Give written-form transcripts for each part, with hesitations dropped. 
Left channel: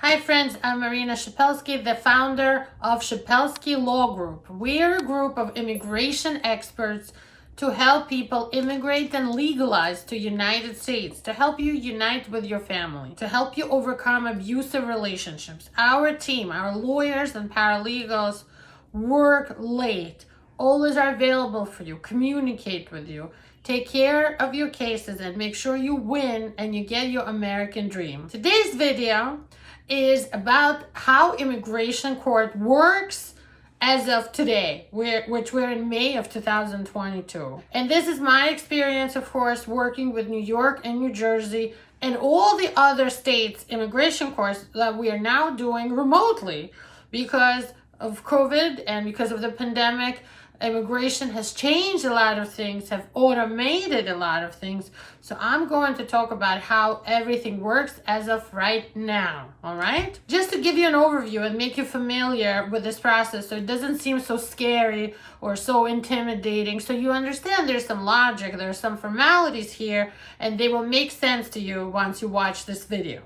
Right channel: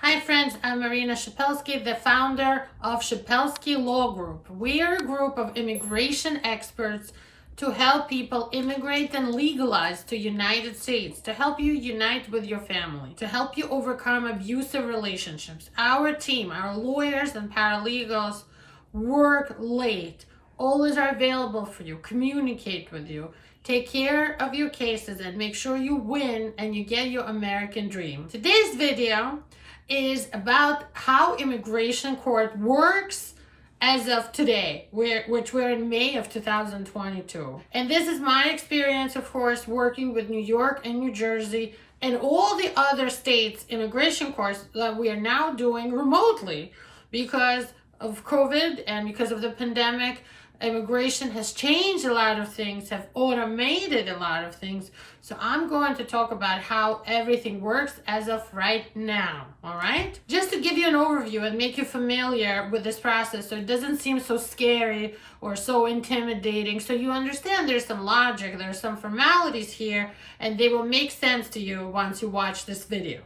Hi friends, I'm Marina Shepelsky, the founder of Shepelsky Law Group. We're a group of immigration experts to help people immigrate and legalize to United States, to help you unite with your family, to help you overcome abusive relationships. Our team, our lawyers and paralegals work late, always are available for you, communicate with you, take care of your cases, and make sure you win and you get your American dream. Today's video is about how immigration court works as of today, which we're in May of 2022. And this is my experience, of course, working with New York and New Jersey and all the other states' immigration courts that we are now doing remotely because of COVID and because of the pandemic. Immigration has changed a lot of things, have automated a lot of things. So I'm going to talk about how everything works as of right now, all right? Just to give you an overview and make you familiar with this process so it doesn't seem so scary or so intimidating. So you understand there's some logic, there's some formalities here, and they will make sense to you once you watch this video.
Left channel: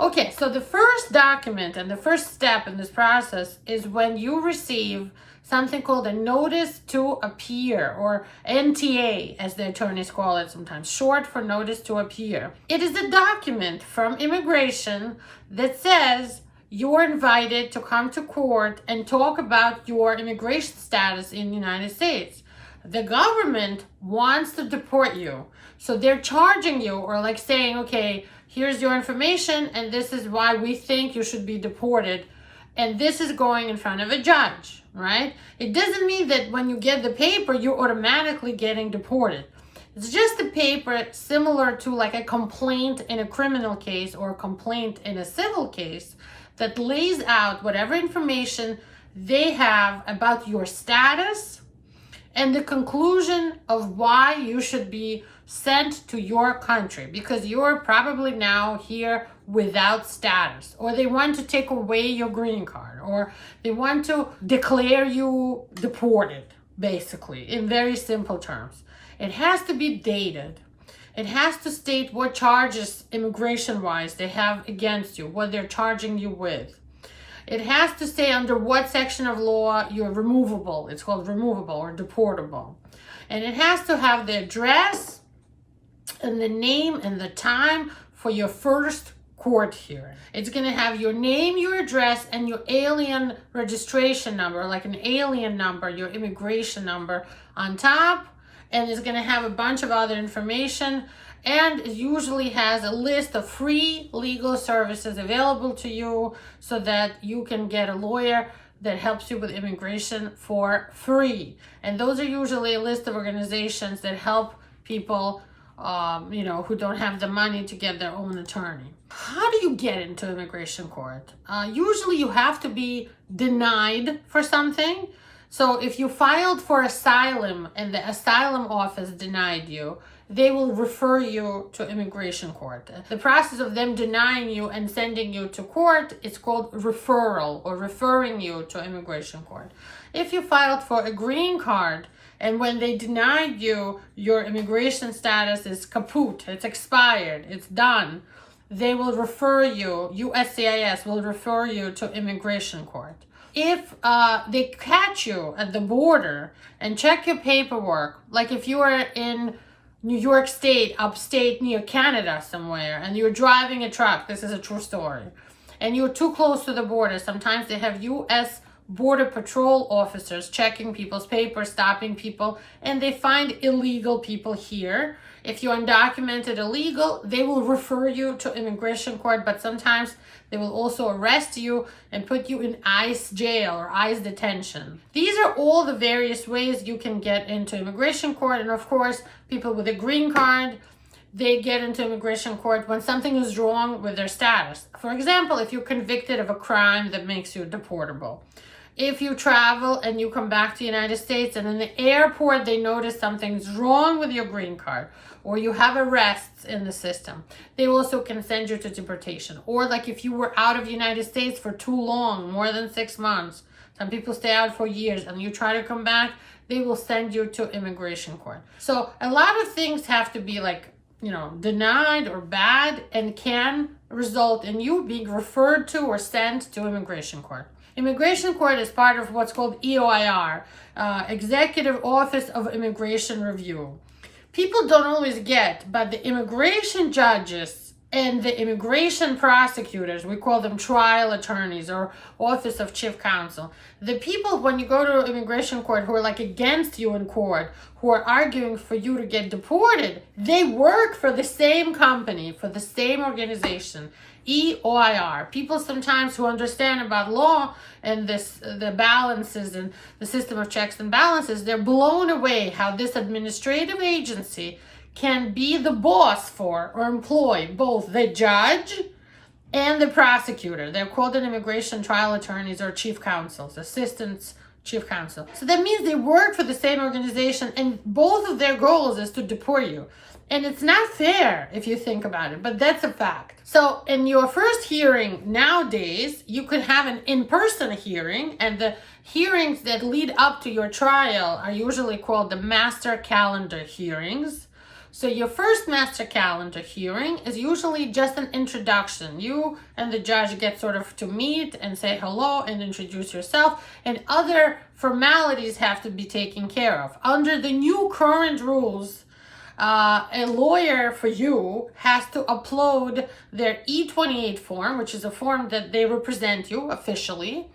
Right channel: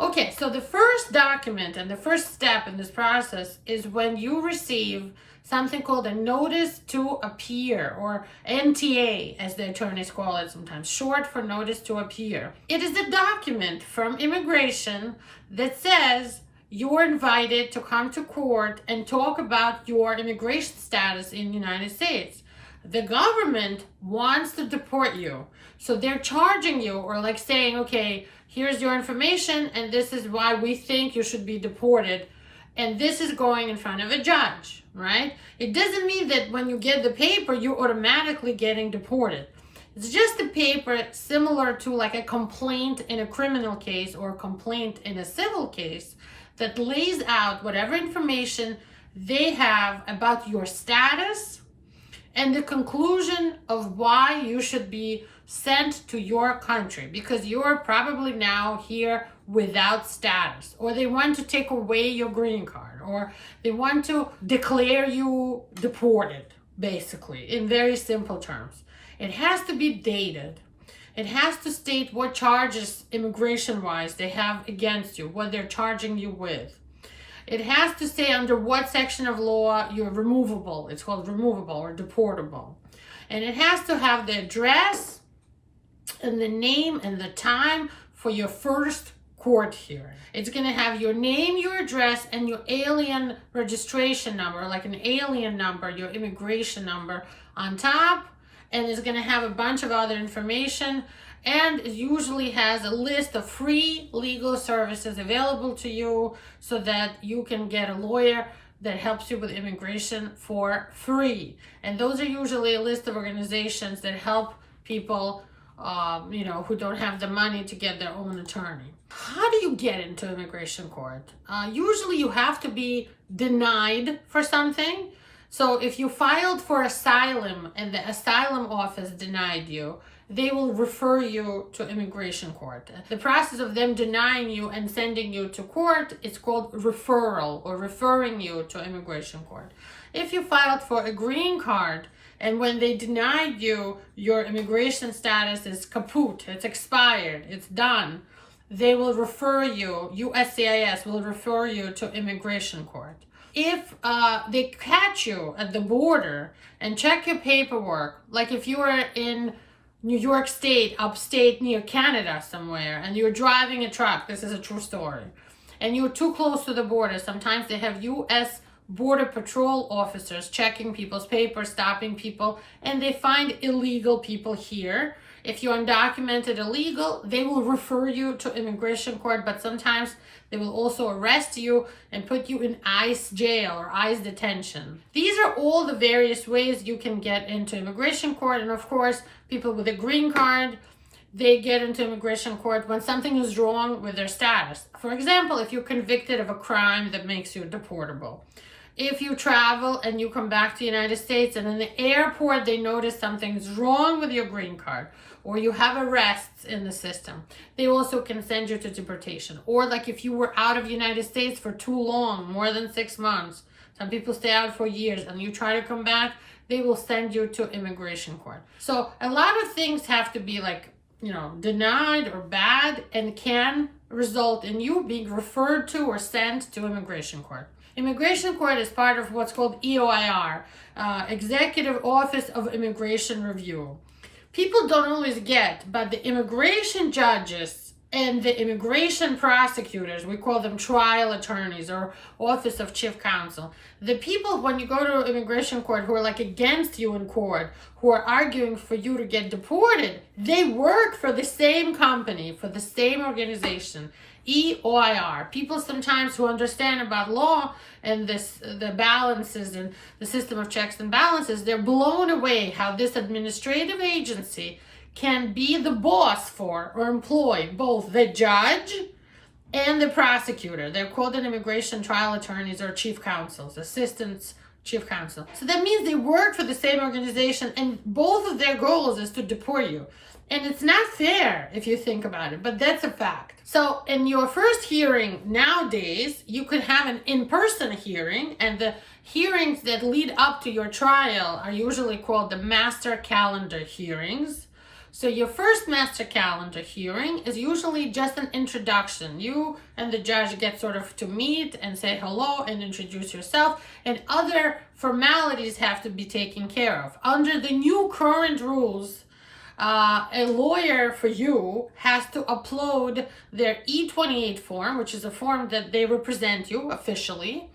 Okay, so the first document and the first step in this process is when you receive something called a notice to appear, or NTA as the attorneys call it sometimes, short for notice to appear. It is a document from immigration that says you're invited to come to court and talk about your immigration status in the United States. The government wants to deport you, so they're charging you, or like saying, okay, here's your information and this is why we think you should be deported, and this is going in front of a judge, right? It doesn't mean that when you get the paper you're automatically getting deported. It's just a paper similar to like a complaint in a criminal case or a complaint in a civil case that lays out whatever information they have about your status and the conclusion of why you should be sent to your country, because you're probably now here without status, or they want to take away your green card, or they want to declare you deported, basically, in very simple terms. It has to be dated. It has to state what charges immigration-wise they have against you, what they're charging you with. It has to say under what section of law you're removable. It's called removable or deportable. And it has to have the address and the name and the time for your first court hearing. It's going to have your name, your address, and your alien registration number, like an alien number, your immigration number on top. And it's going to have a bunch of other information. And it usually has a list of free legal services available to you so that you can get a lawyer that helps you with immigration for free. And those are usually a list of organizations that help people who don't have the money to get their own attorney. How do you get into immigration court? Usually you have to be denied for something. So if you filed for asylum and the asylum office denied you, they will refer you to immigration court. The process of them denying you and sending you to court is called referral, or referring you to immigration court. If you filed for a green card and when they denied you, your immigration status is kaput, it's expired, it's done, they will refer you, USCIS will refer you to immigration court. If they catch you at the border and check your paperwork, like if you are in New York State, upstate near Canada somewhere, and you're driving a truck, this is a true story, and you're too close to the border, sometimes they have U.S. Border Patrol officers checking people's papers, stopping people, and they find illegal people here. If you're undocumented illegal, they will refer you to immigration court, but sometimes they will also arrest you and put you in ICE jail or ICE detention. These are all the various ways you can get into immigration court. And of course, people with a green card, they get into immigration court when something is wrong with their status. For example, if you're convicted of a crime that makes you deportable. If you travel and you come back to the United States and in the airport they notice something's wrong with your green card, or you have arrests in the system, they also can send you to deportation. Or like if you were out of the United States for too long, more than 6 months, some people stay out for years, and you try to come back, they will send you to immigration court. So a lot of things have to be like denied or bad, and can result in you being referred to or sent to immigration court. Immigration court is part of what's called EOIR, Executive Office of Immigration Review. People don't always get, but the immigration judges and the immigration prosecutors, we call them trial attorneys or Office of Chief Counsel. The people, when you go to immigration court, who are like against you in court, who are arguing for you to get deported, they work for the same company, for the same organization, EOIR. People sometimes who understand about law and the balances and the system of checks and balances, they're blown away how this administrative agency can be the boss for or employ both the judge and the prosecutor. They're called an immigration trial attorneys or chief counsels, assistants chief counsel. So that means they work for the same organization, and both of their goals is to deport you. And it's not fair if you think about it, but that's a fact. So in your first hearing nowadays, you could have an in-person hearing, and the hearings that lead up to your trial are usually called the master calendar hearings. So your first master calendar hearing is usually just an introduction. You and the judge get sort of to meet and say hello and introduce yourself, and other formalities have to be taken care of. Under the new current rules, a lawyer for you has to upload their E28 form, which is a form that they represent you officially,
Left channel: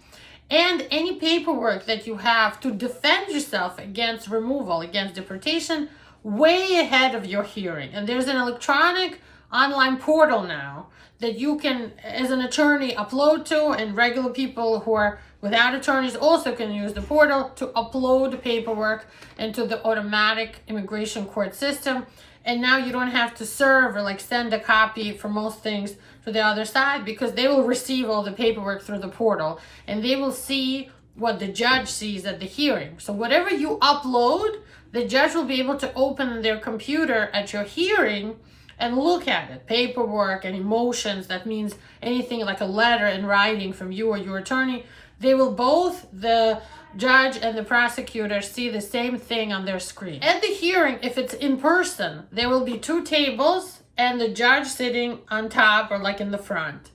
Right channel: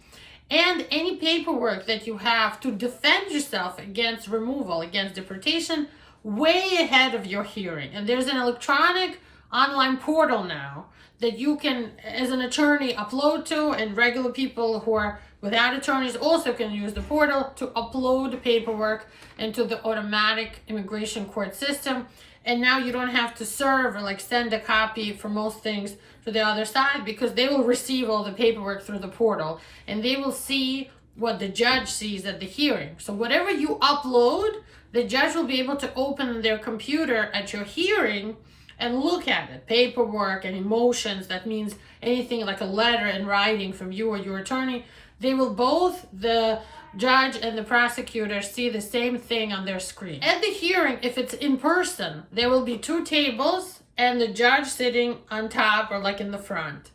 and any paperwork that you have to defend yourself against removal, against deportation, way ahead of your hearing. And there's an electronic online portal now that you can, as an attorney, upload to, and regular people who are without attorneys also can use the portal to upload paperwork into the automatic immigration court system. And now you don't have to serve or send a copy for most things to the other side, because they will receive all the paperwork through the portal, and they will see what the judge sees at the hearing. So whatever you upload, the judge will be able to open their computer at your hearing and look at it. Paperwork and emotions, that means anything like a letter in writing from you or your attorney, they will both, the judge and the prosecutor, see the same thing on their screen. At the hearing, if it's in person, there will be two tables and the judge sitting on top or in the front.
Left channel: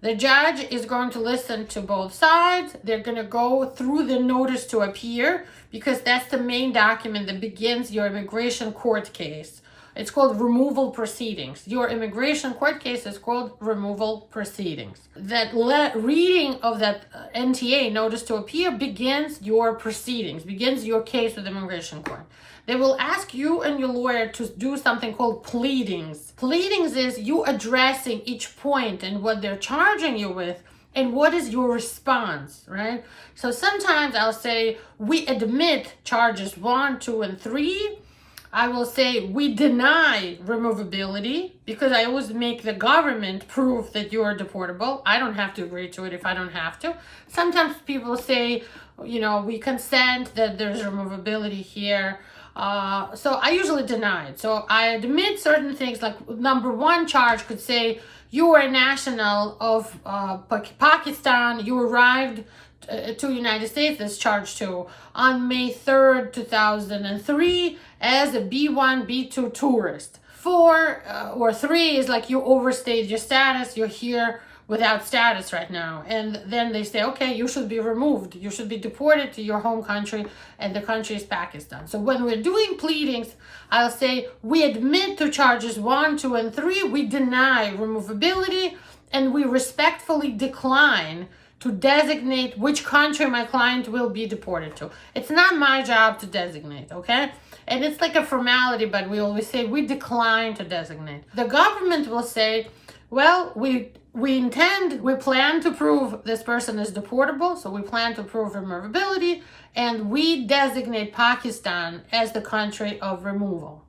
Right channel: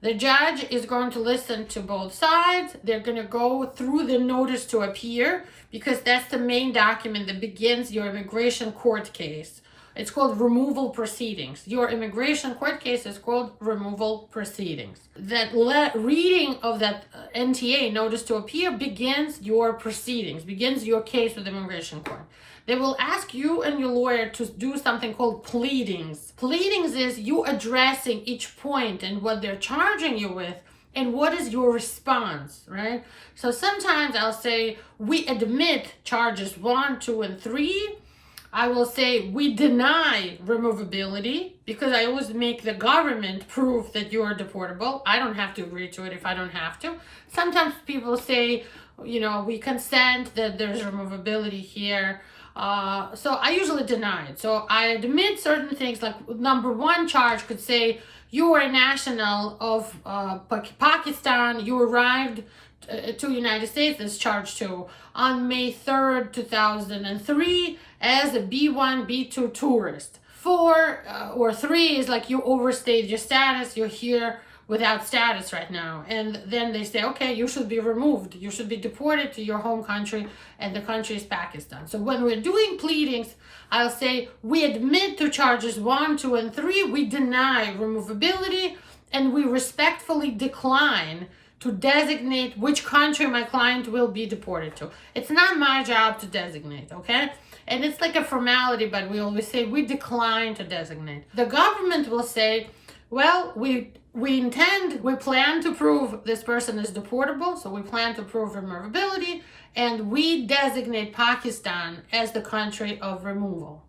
The judge is going to listen to both sides. They're going to go through the notice to appear, because that's the main document that begins your immigration court case. It's called removal proceedings. Your immigration court case is called removal proceedings. That reading of that NTA, notice to appear, begins your proceedings, begins your case with immigration court. They will ask you and your lawyer to do something called pleadings. Pleadings is you addressing each point and what they're charging you with, and what is your response, right? So sometimes I'll say, we admit charges 1, 2, and 3. I will say, we deny removability, because I always make the government prove that you are deportable. I don't have to agree to it if I don't have to. Sometimes people say, we consent that there's removability here. So I usually deny it. So I admit certain things, like number 1 charge could say, you are a national of Pakistan. You arrived to United States, that's charge 2, on May 3rd, 2003 as a B1, B2 tourist. 4 or 3 is you overstayed your status. You're here without status right now. And then they say, okay, you should be removed. You should be deported to your home country, and the country is Pakistan. So when we're doing pleadings, I'll say, we admit to charges 1, 2, and 3. We deny removability, and we respectfully decline to designate which country my client will be deported to. It's not my job to designate, okay? And it's like a formality, but we always say we decline to designate. The government will say, well, we plan to prove this person is deportable, so we plan to prove removability, and we designate Pakistan as the country of removal.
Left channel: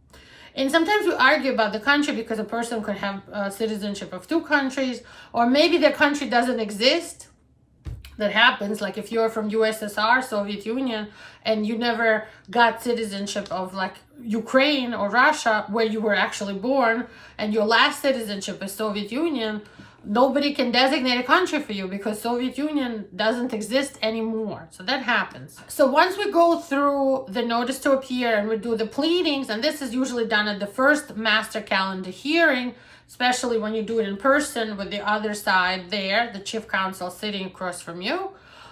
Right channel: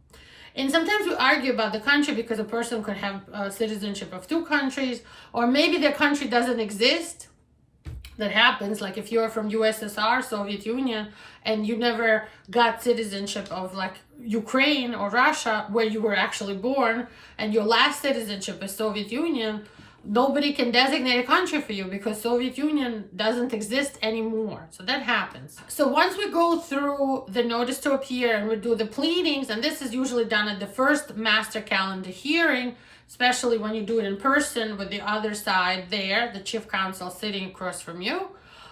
And sometimes we argue about the country because a person could have citizenship of 2 countries, or maybe the country doesn't exist. That happens, like if you're from USSR, Soviet Union, and you never got citizenship of Ukraine or Russia, where you were actually born, and your last citizenship is Soviet Union, nobody can designate a country for you because Soviet Union doesn't exist anymore. So that happens. So once we go through the notice to appear and we do the pleadings, and this is usually done at the first master calendar hearing, especially when you do it in person with the other side there, the chief counsel sitting across from you.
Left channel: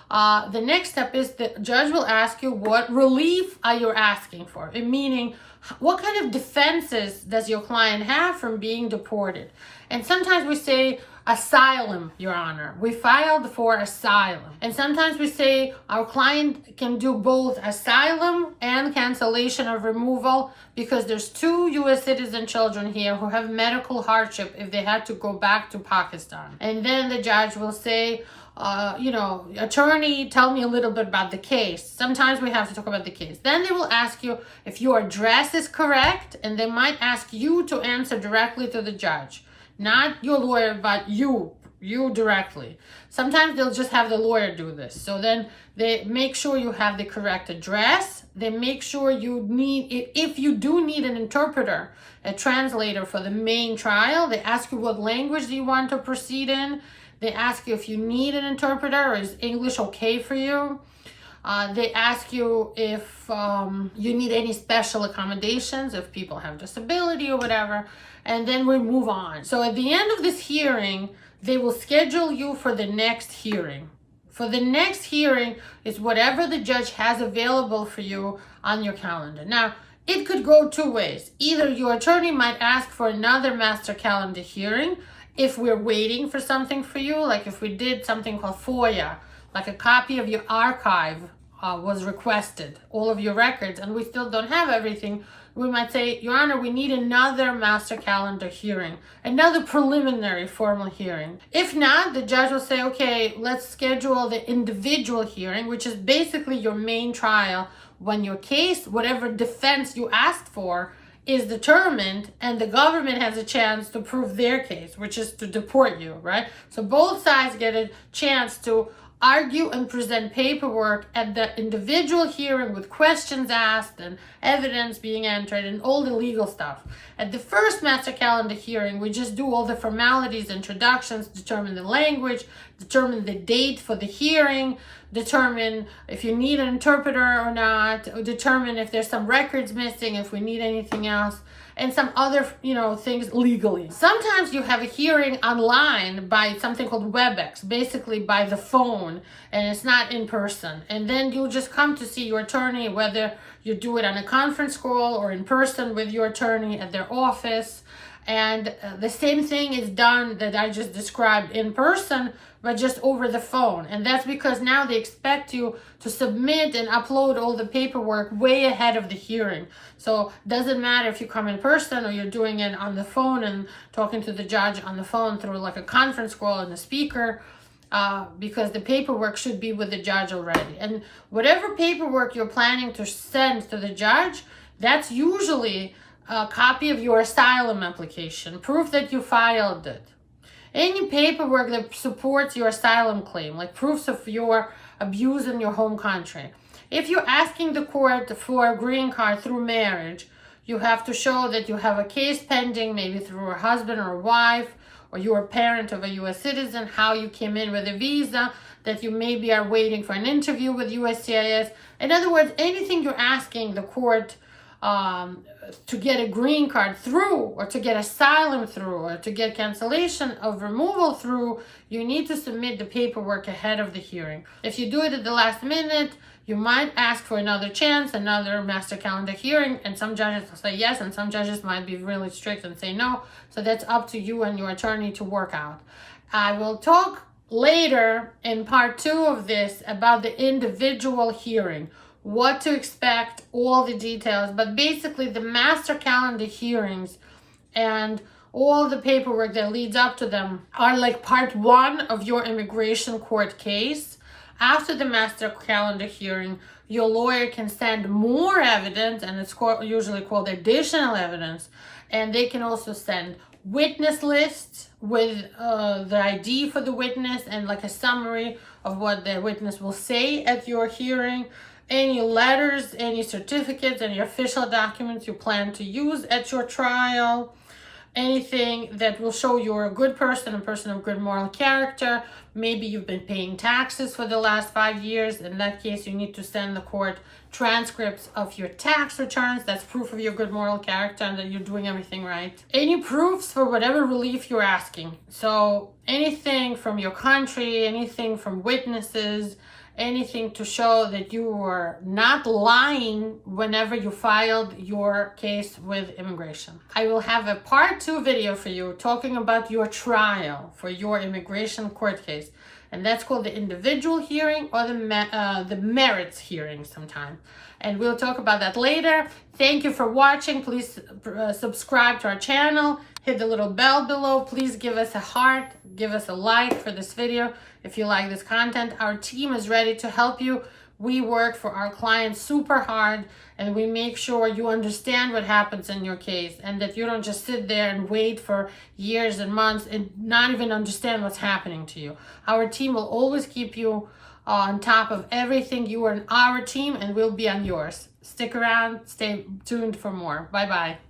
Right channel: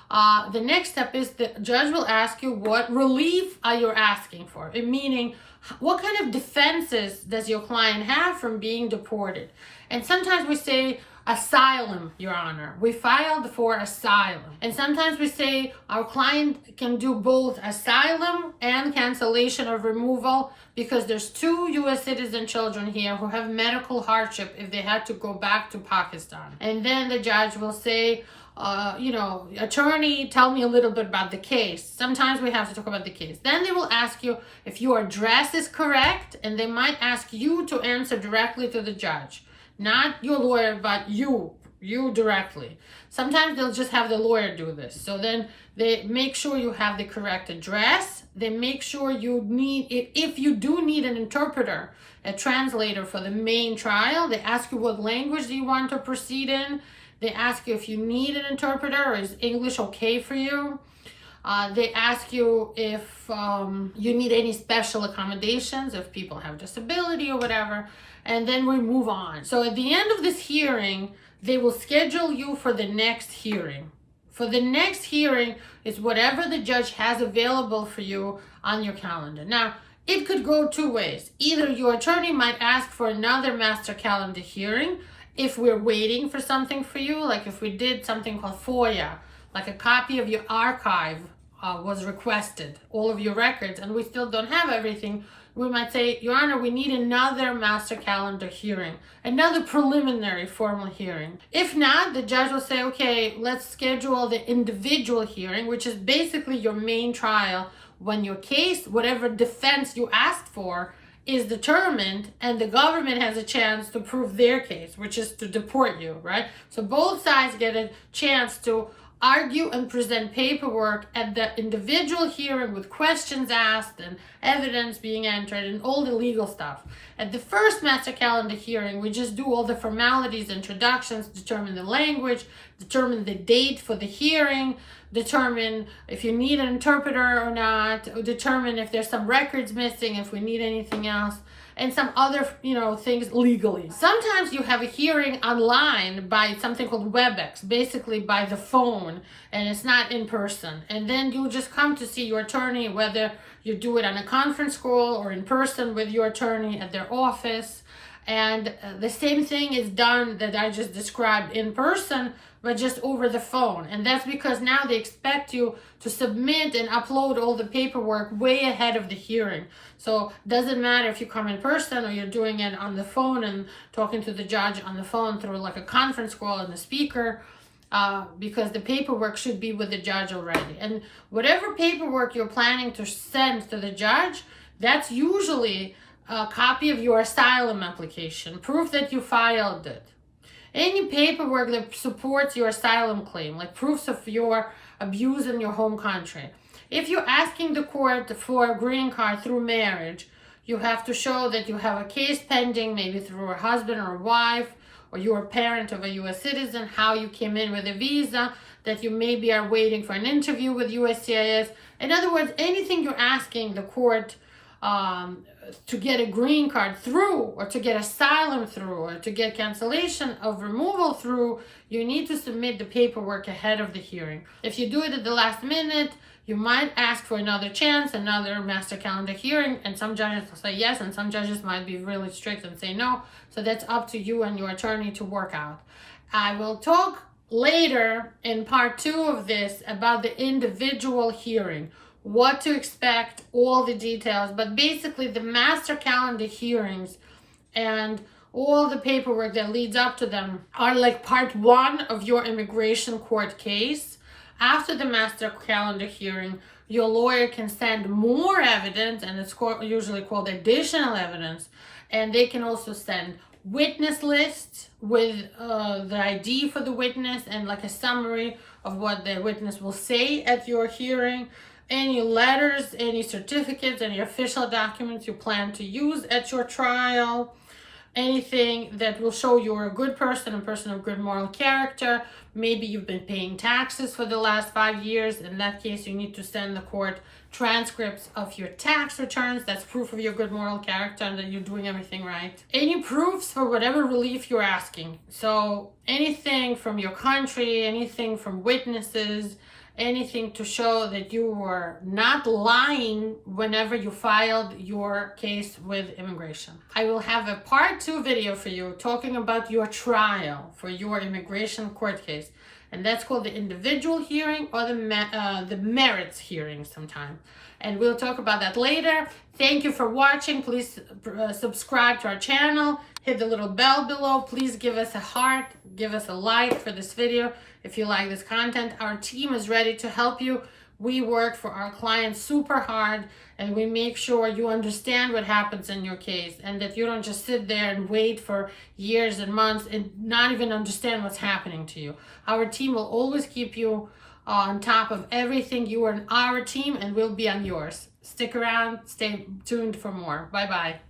The next step is the judge will ask you what relief are you asking for, meaning what kind of defenses does your client have from being deported. And sometimes we say asylum, Your Honor. We filed for asylum. And sometimes we say our client can do both asylum and cancellation of removal because there's 2 U.S. citizen children here who have medical hardship if they had to go back to Pakistan. And then the judge will say, attorney, tell me a little bit about the case. Sometimes we have to talk about the case. Then they will ask you if your address is correct, and they might ask you to answer directly to the judge. Not your lawyer, but you directly. Sometimes they'll just have the lawyer do this. So then they make sure you have the correct address. They make sure you need, if you do need an interpreter, a translator for the main trial, they ask you what language do you want to proceed in. They ask you if you need an interpreter or is English okay for you. They ask you if you need any special accommodations, if people have disability or whatever, and then we move on. So at the end of this hearing, they will schedule you for the next hearing. For the next hearing is whatever the judge has available for you on your calendar. Now, it could go 2 ways. Either your attorney might ask for another master calendar hearing if we're waiting for something for you, like if we did something called FOIA, like a copy of your archive was requested, all of your records, and we still don't have everything, we might say, Your Honor, we need another master calendar hearing, another preliminary formal hearing. If not, the judge will say, okay, let's schedule the individual hearing, which is basically your main trial when your case, whatever defense you asked for, is determined and the government has a chance to prove their case, which is to deport you, right? So both sides get a chance to argue and present paperwork at the individual hearing with questions asked and evidence being entered and all the legal stuff. At the first master calendar hearing, we just do all the formalities, introductions, determine the language, determine the date for the hearing, determine if you need an interpreter or not, determine if there's some records missing, if we need anything else, and some other, things legally. Sometimes you have a hearing online by something called WebEx, basically by the phone, and it's not in person. And then you'll just come to see your attorney, whether you do it on a conference call or in person with your attorney at their office. And the same thing is done that I just described in person, but just over the phone. And that's because now they expect you to submit and upload all the paperwork way ahead of the hearing. So it doesn't matter if you come in person or you're doing it on the phone and talking to the judge on the phone through like a conference call and a speaker, because the paperwork should be with the judge already. And whatever paperwork you're planning to send to the judge, that's usually a copy of your asylum application, proof that you filed it. Any paperwork that supports your asylum claim, like proofs of your abuse in your home country. If you're asking the court for a green card through marriage, you have to show that you have a case pending, maybe through a husband or a wife, or you're a parent of a U.S. citizen, how you came in with a visa, that you maybe are waiting for an interview with USCIS. In other words, anything you're asking the court to get a green card through, or to get asylum through, or to get cancellation of removal through, you need to submit the paperwork ahead of the hearing. If you do it at the last minute, you might ask for another chance, another master calendar hearing, and some judges will say yes, and some judges might be really strict and say no. So that's up to you and your attorney to work out. I will talk later in part 2 of this about the individual hearing, what to expect, all the details, but basically the master calendar hearings and all the paperwork that leads up to them are like part 1 of your immigration court case. After the master calendar hearing, your lawyer can send more evidence, and it's usually called additional evidence, and they can also send witness lists with the ID for the witness and like a summary of what the witness will say at your hearing, any letters, any certificates, any official documents you plan to use at your trial, anything that will show you're a good person, a person of good moral character. Maybe you've been paying taxes for the last 5 years. In that case, you need to send the court transcripts of your tax returns. That's proof of your good moral character and that you're doing everything right. Any proofs for whatever relief you're asking. So anything from your country, anything from witnesses, anything to show that you were not lying whenever you filed your case with immigration. I will have a part 2 video for you talking about your trial for your immigration court case. And that's called the individual hearing or the merits hearing sometime. And we'll talk about that later. Thank you for watching. Please subscribe to our channel. Hit the little bell below. Please give us a heart. Give us a like for this video if you like this content. Our team is ready to help you. We work for our clients super hard, and we make sure you understand what happens in your case and that you don't just sit there and wait for years and months and not even understand what's happening to you. Our team will always keep you on top of everything. You are on our team and we'll be on yours. Stick around, stay tuned for more. Bye-bye.